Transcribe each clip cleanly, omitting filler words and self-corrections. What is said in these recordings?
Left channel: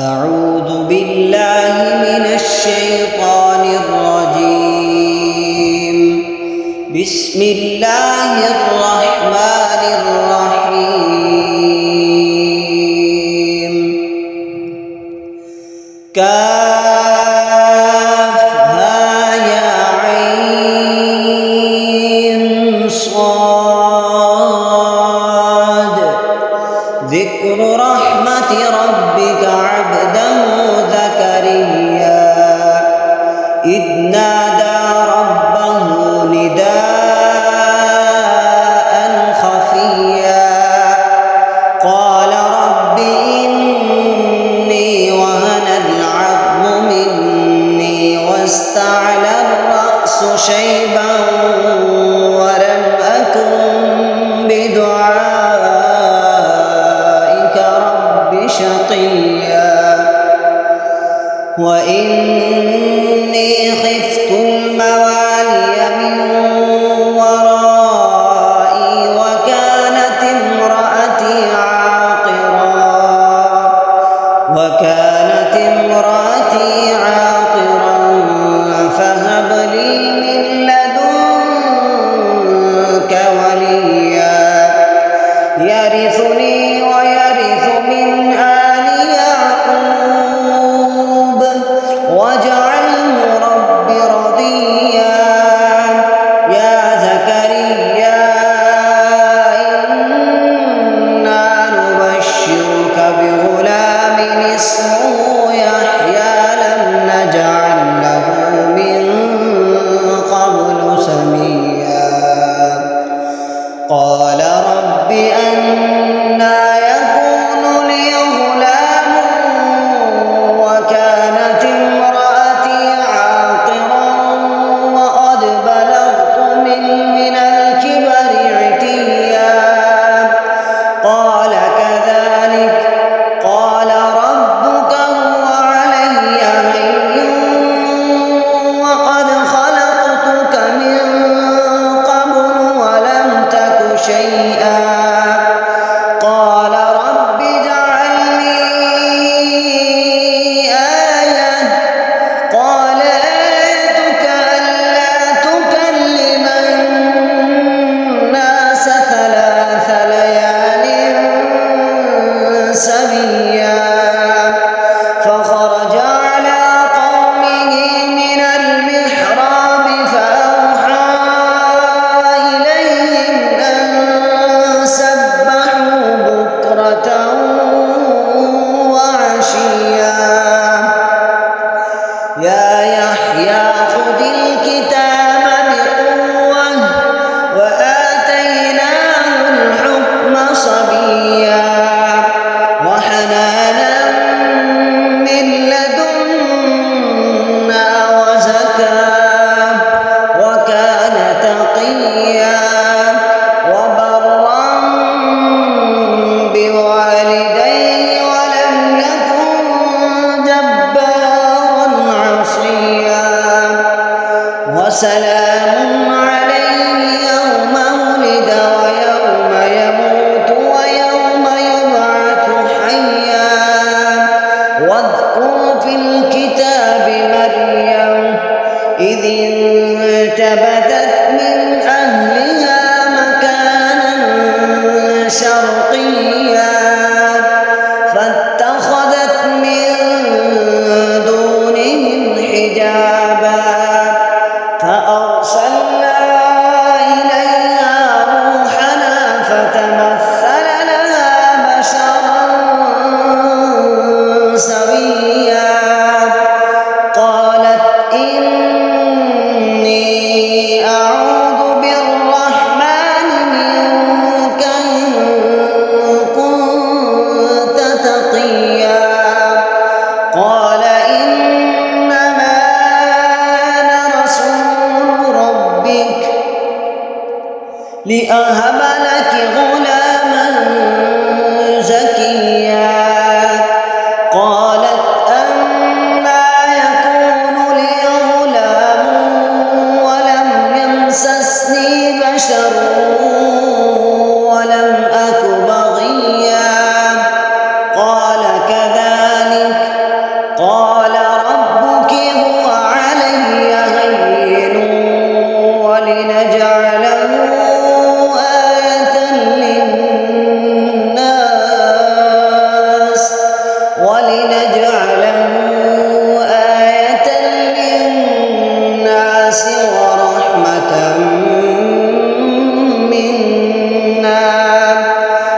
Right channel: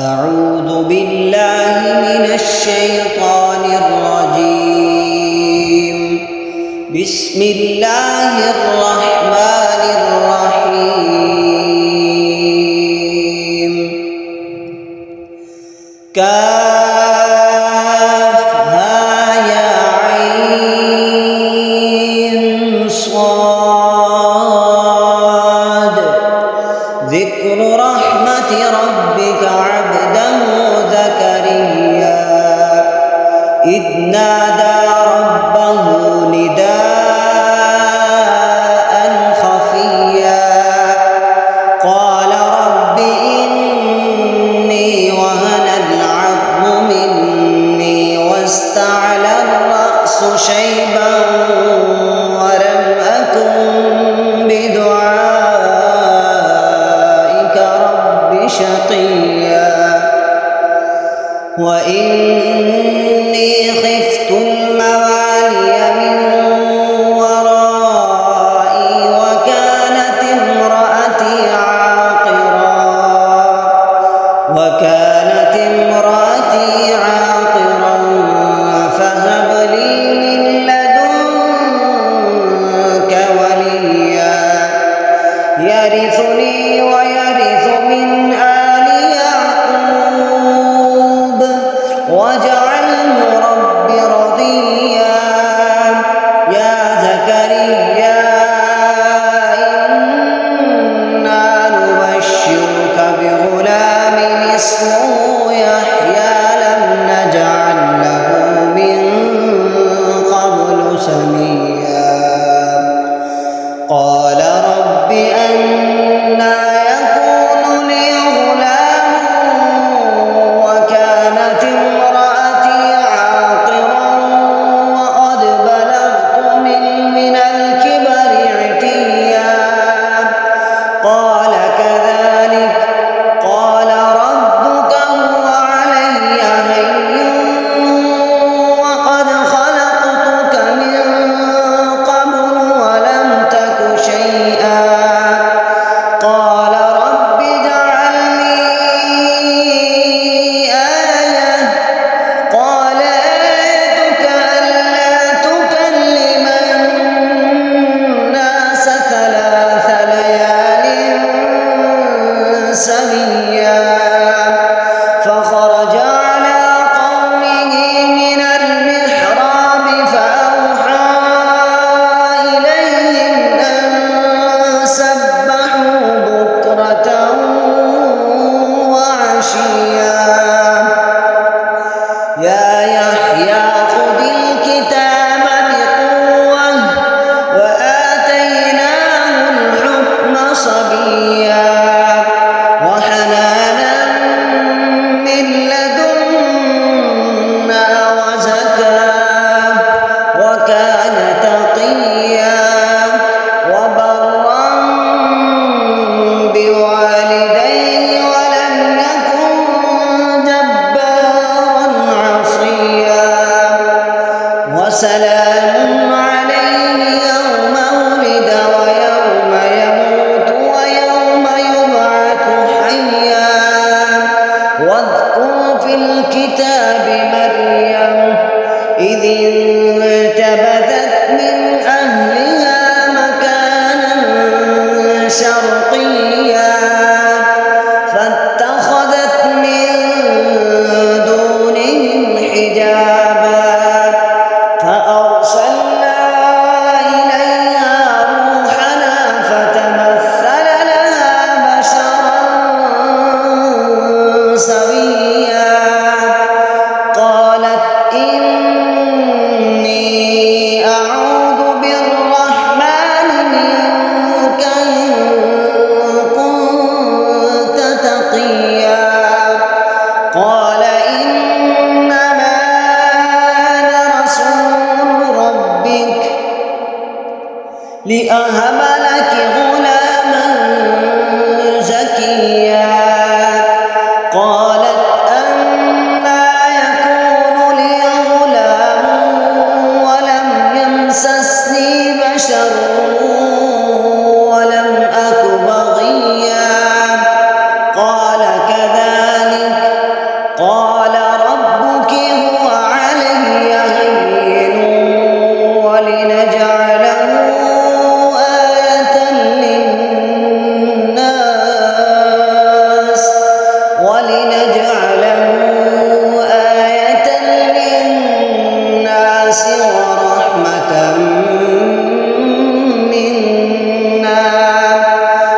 أعوذ بالله من الشيطان الرجيم. بسم الله الرحمن الرحيم. كافها يا عين صاد. ذكر رحمة ربك عبده زكريا إذ نادى ربه نداء خفيا قال رب إني وهن العظم مني واستعلى الرأس شيبا ولم أكن بدعائك رب شقيا وإني خفت الموالي من ورائي وكانت امرأتي عاقرا فهب لي من لدنك وليا يرثني ويرث من آل يعقوب واجعله رب رضيا. يا زكريا إنا نبشرك بغلام اسمه يحيى لم نجعل له من قبل سميا. قال رب أنى يكون لي غلام وكانت امرأتي عاقرا وقد بلغت من الكبر عتيا. قال كذلك قال ربك هو علي هين وقد خلقتك من قبل ولم تك شيئا. قال رب اجعل لي آية. قال آيتك ألا تكلم الناس 3 ليال سويا. فخرج على قومه من المحراب فأوحى إليهم أن سبحوا بكرة وعشيا. يا يحيى خذ الكتاب بقوة وآتيناه الحكم صبيا وحنانا من لدنا وزكاة وكان تقيا وبرا بوالديه ولم يكن جبارا عصيا. وسلام عليه يوم ولد ويوم يموت ويوم يبعث حيا. واذكر في الكتاب مريم إذ انتبذت من أهلها مكانا شرقيا فاتخذت من دونهم حجابا فأرسلنا إليها روحنا فتمثل لها بشرا سويا. قالت إني أعوذ بالرحمن منك إن كنت تقيا. قال إنما أنا رسول ربك لأهب لك غلاما زكيا. قالت أنى يكون لي غلام ولم يمسسني بشر ولم أك بغيا. قال كذلك قال ربك هو علي هين ولنجعله آية للناس ورحمة منا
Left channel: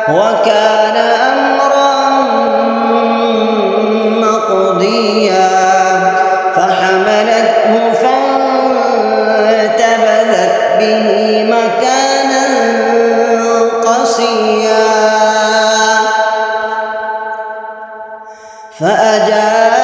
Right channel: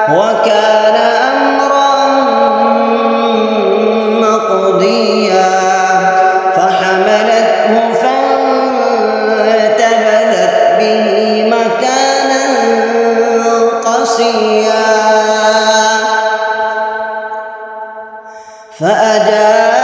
وكان أمرا مقضيا فحملته فانتبذت به مكانا قصيا فأجاء